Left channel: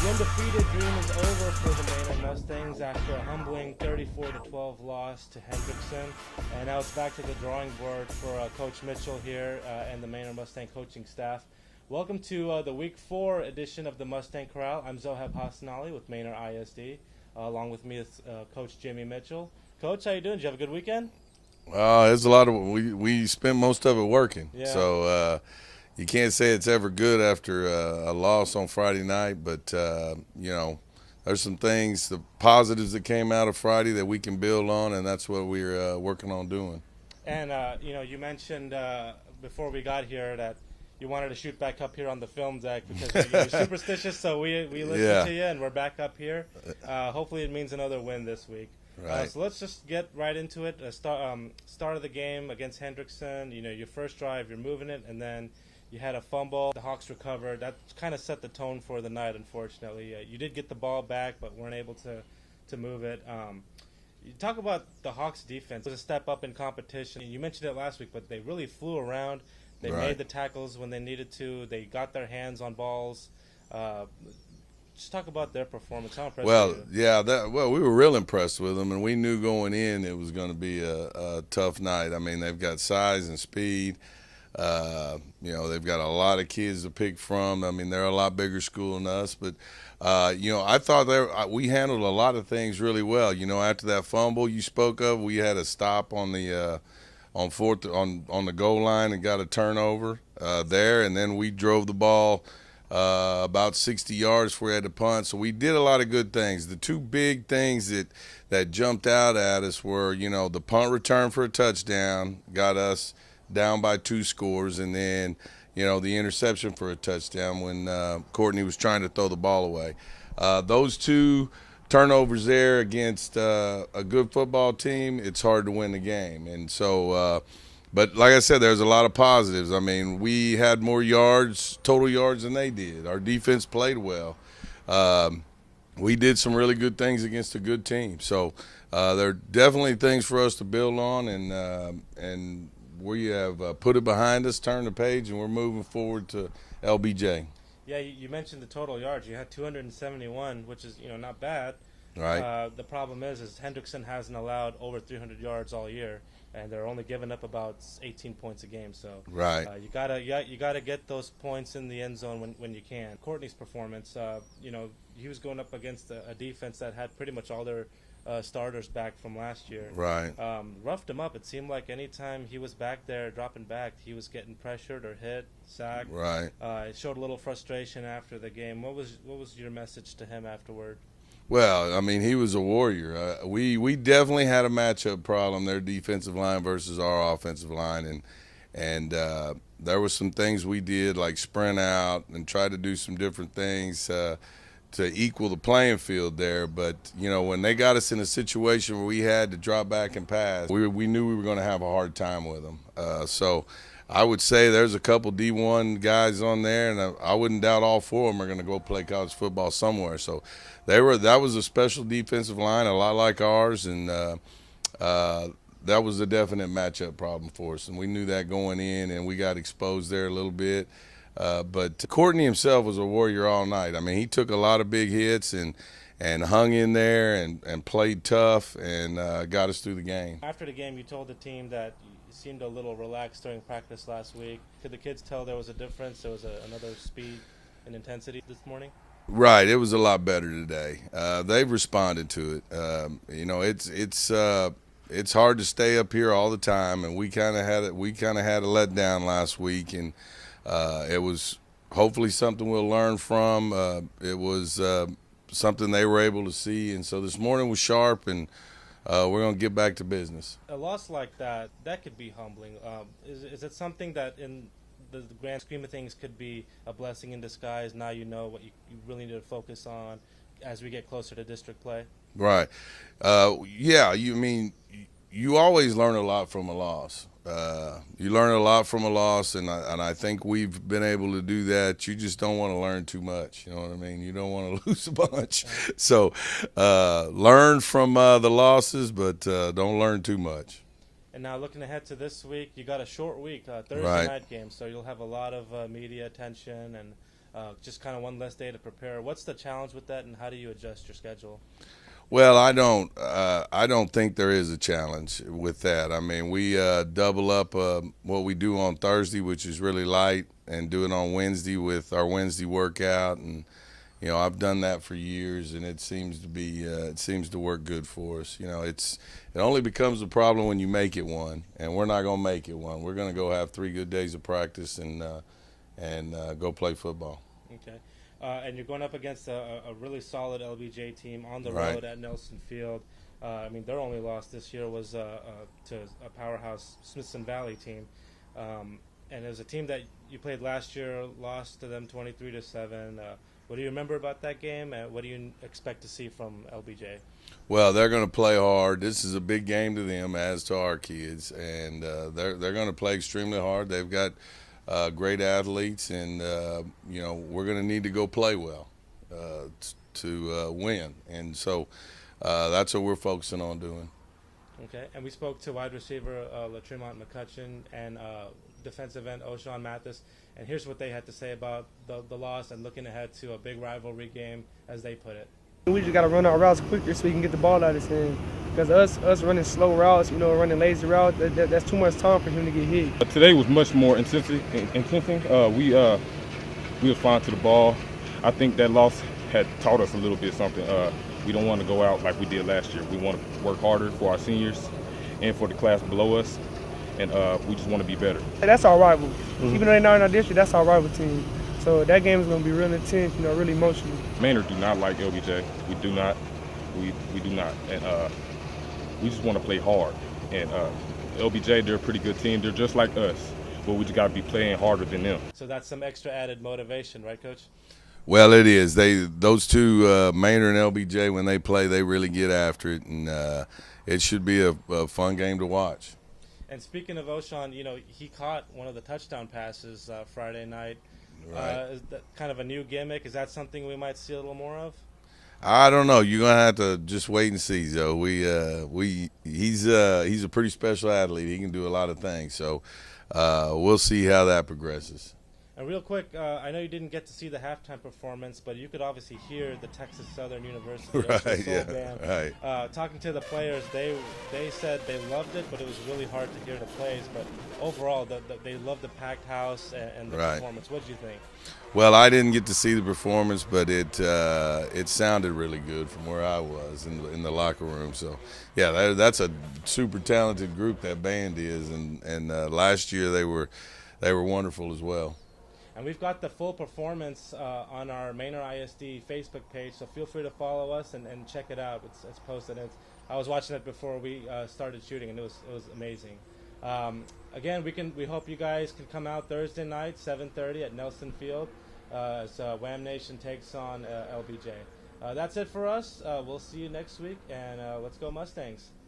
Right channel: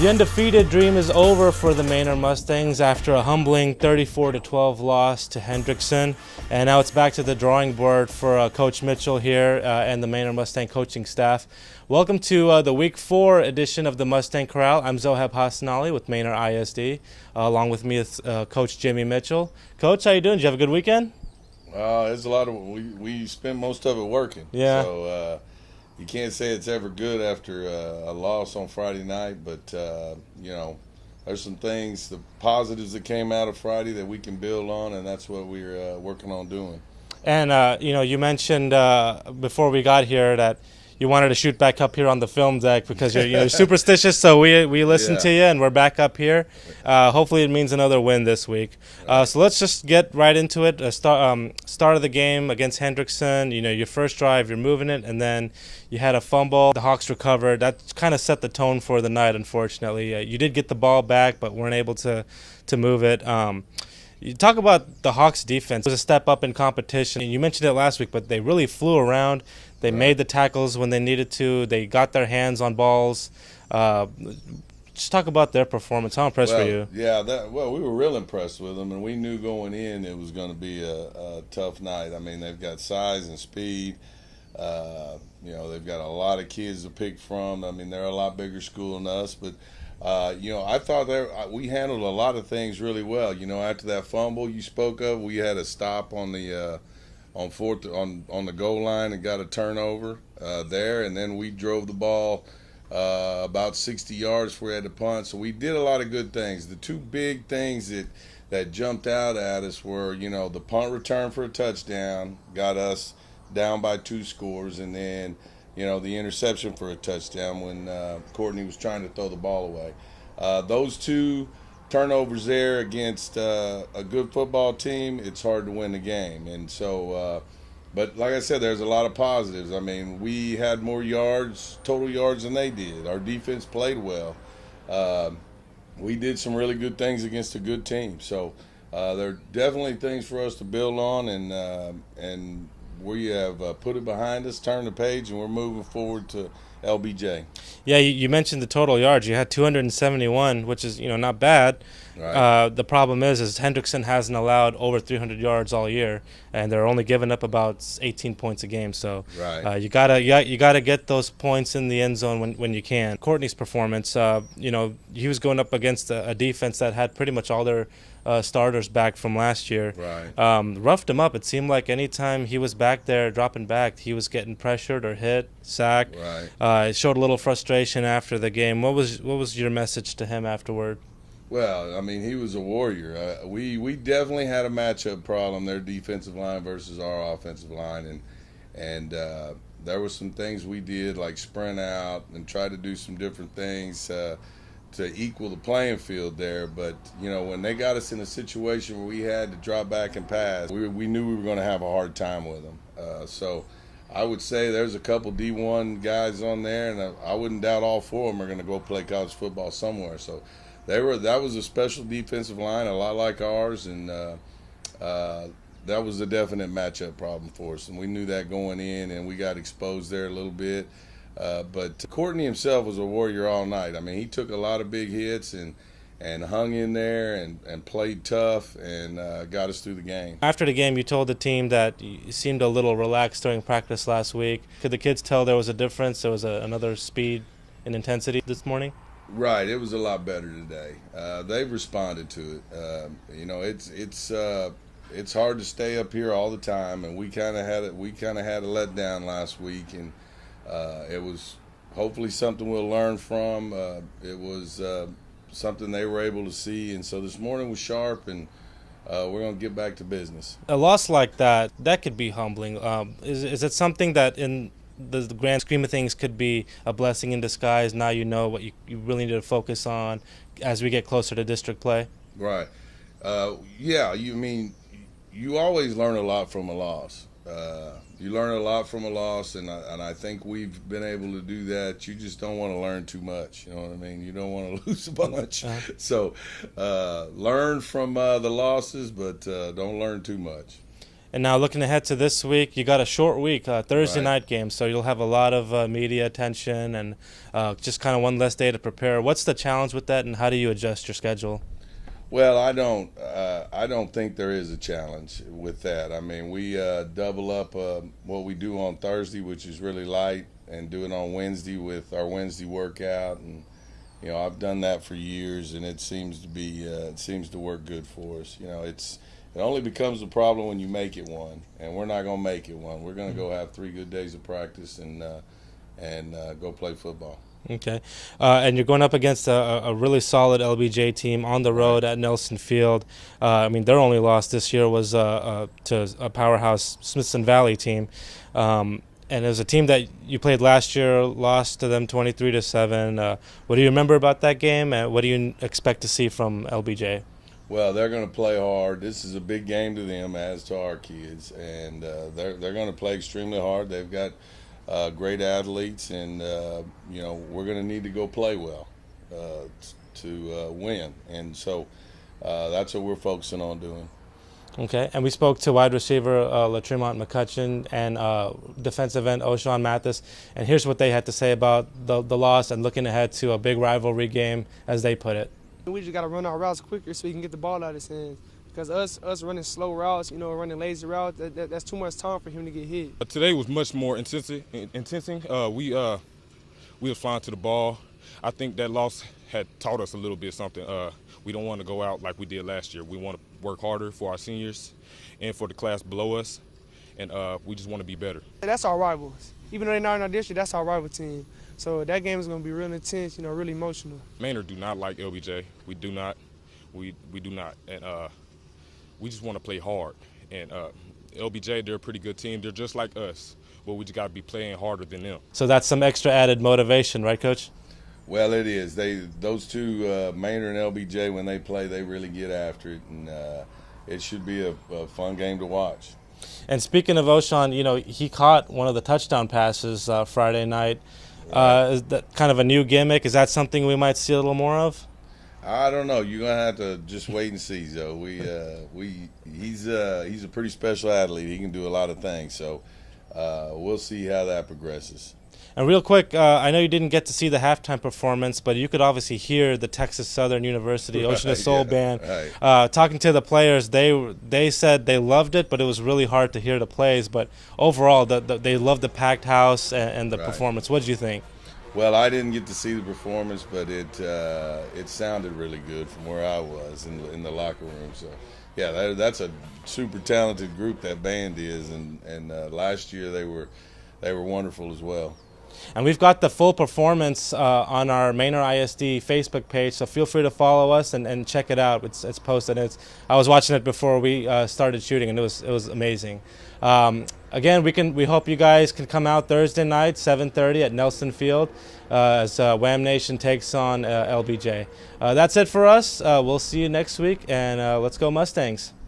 The undefeated dream is over for the Manor Mustangs after a humbling 34-12 loss to Hendrickson, and now it's back to the drawing board for Coach Mitchell here and the Manor Mustang coaching staff. Welcome to the Week 4 edition of the Mustang Corral. I'm Zoheb Hassanali with Manor ISD. Along with me is Coach Jimmy Mitchell. Coach, how you doing? Did you have a good weekend? There's a lot of we spent most of it working. Yeah. So you can't say it's ever good after a loss on Friday night, but you know, there's some things, the positives that came out of Friday that we can build on, and that's what we're working on doing. And you know, you mentioned before we got here that you wanted to shoot back up here on the film deck because you're superstitious. So we listened to you, and we're back up here. Hopefully, it means another win this week. Right. So let's just get right into it. Start of the game against Hendrickson. You know, your first drive, you're moving it, and then you had a fumble. The Hawks recovered. That kind of set the tone for the night. Unfortunately, you did get the ball back, but weren't able to move it. You talk about the Hawks defense. It was a step up in competition. You mentioned it last week, but they really flew around. They made the tackles when they needed to. They got their hands on balls. Just talk about their performance. How impressed were you? Yeah, we were real impressed with them, and we knew going in it was going to be a tough night. I mean, they've got size and speed. You know, they've got a lot of kids to pick from. I mean, they're a lot bigger school than us, but you know, I thought we handled a lot of things really well. You know, after that fumble you spoke of, we had a stop on the on the goal line and got a turnover there, and then we drove the ball about 60 yards before we had to punt. So we did a lot of good things. The two big things that jumped out at us were, you know, the punt return for a touchdown got us down by 2 scores, and then, you know, the interception for a touchdown when Courtney was trying to throw the ball away. Those two turnovers there against a good football team, it's hard to win the game. And so, but like I said, there's a lot of positives. I mean, we had more yards, total yards, than they did. Our defense played well. We did some really good things against a good team. So there are definitely things for us to build on, and we have put it behind us, turned the page, and we're moving forward to LBJ. Yeah, you mentioned the total yards. You had 271, which is, you know, not bad. Right. The problem is Hendrickson hasn't allowed over 300 yards all year, and they're only giving up about 18 points a game. So you gotta get those points in the end zone when you can. Courtney's performance, you know, he was going up against a defense that had pretty much all their starters back from last year. Right. Roughed him up. It seemed like anytime he was back there dropping back, he was getting pressured or hit, sacked. Right. It showed a little frustration after the game. What was your message to him afterward? Well, I mean, he was a warrior. We definitely had a matchup problem, their defensive line versus our offensive line, and there were some things we did like sprint out and try to do some different things to equal the playing field there. But, you know, when they got us in a situation where we had to drop back and pass, we knew we were going to have a hard time with them. So I would say there's a couple D1 guys on there, and I wouldn't doubt all 4 of them are going to go play college football somewhere. So that was a special defensive line, a lot like ours, and that was a definite matchup problem for us. And we knew that going in, and we got exposed there a little bit. But Courtney himself was a warrior all night. I mean, he took a lot of big hits and hung in there and played tough and got us through the game. After the game, you told the team that you seemed a little relaxed during practice last week. Could the kids tell there was a difference? There was another speed and intensity this morning? Right, it was a lot better today. They've responded to it. You know, it's hard to stay up here all the time, and we kind of had a letdown last week, and it was hopefully something we'll learn from. It was something they were able to see, and so this morning was sharp, and we're going to get back to business. A loss like that could be humbling. Is it something that in the grand scheme of things could be a blessing in disguise? Now you know what you really need to focus on as we get closer to district play? Right. Yeah, you always learn a lot from a loss. You learn a lot from a loss, and I think we've been able to do that. You just don't want to learn too much. You know what I mean? You don't want to lose a bunch. So learn from the losses, but don't learn too much. And now looking ahead to this week, you got a short week, Thursday Right. night game, so you'll have a lot of media attention and just kind of one less day to prepare. What's the challenge with that, and how do you adjust your schedule? Well, I don't think there is a challenge with that. I mean, we double up what we do on Thursday, which is really light, and do it on Wednesday with our Wednesday workout. And you know, I've done that for years, and it seems to work good for us. You know, it only becomes a problem when you make it one, and we're not going to make it one. We're going to go have 3 good days of practice and go play football. Okay. And you're going up against a really solid LBJ team on the road at Nelson Field. I mean, their only loss this year was to a powerhouse Smithson Valley team. And it was a team that you played last year, lost to them 23-7. What do you remember about that game, and what do you expect to see from LBJ? Well, they're going to play hard. This is a big game to them, as to our kids, and they're going to play extremely hard. They've got great athletes, and you know, we're going to need to go play well to win, and so that's what we're focusing on doing. Okay, and we spoke to wide receiver Latremont McCutcheon and defensive end O'Shawn Mathis, and here's what they had to say about the loss and looking ahead to a big rivalry game, as they put it. We just got to run our routes quicker so we can get the ball out of his hand. Because us running slow routes, you know, running lazy routes, that's too much time for him to get hit. Today was much more intensing. We was fine to the ball. I think that loss had taught us a little bit something. We don't want to go out like we did last year. We want to work harder for our seniors and for the class below us, and we just want to be better. That's our rivals. Even though they're not in our district, that's our rival team. So that game is going to be real intense, you know, really emotional. Manor do not like LBJ. We do not. We do not. And we just want to play hard. And LBJ, they're a pretty good team. They're just like us, but we just got to be playing harder than them. So that's some extra added motivation, right, Coach? Well, it is. Those two, Manor and LBJ, when they play, they really get after it, and it should be a fun game to watch. And speaking of O'Shawn, you know, he caught one of the touchdown passes Friday night. Is that kind of a new gimmick? Is that something we might see a little more of? I don't know. You're gonna have to just wait and see, Joe. He's a pretty special athlete. He can do a lot of things. So we'll see how that progresses. And real quick, I know you didn't get to see the halftime performance, but you could obviously hear the Texas Southern University Ocean of Soul Band. Right. Talking to the players, they said they loved it, but it was really hard to hear the plays. But overall, they loved the packed house and the performance. What did you think? Well, I didn't get to see the performance, but it sounded really good from where I was in the locker room. So, yeah, that's a super talented group, that band is, and last year they were wonderful as well. And we've got the full performance on our Manor ISD Facebook page, so feel free to follow us and check it out. It's posted. I was watching it before we started shooting, and it was amazing. Again, we hope you guys can come out Thursday night, 7:30 at Nelson Field, as WAMM Nation takes on LBJ. That's it for us. We'll see you next week, and let's go Mustangs.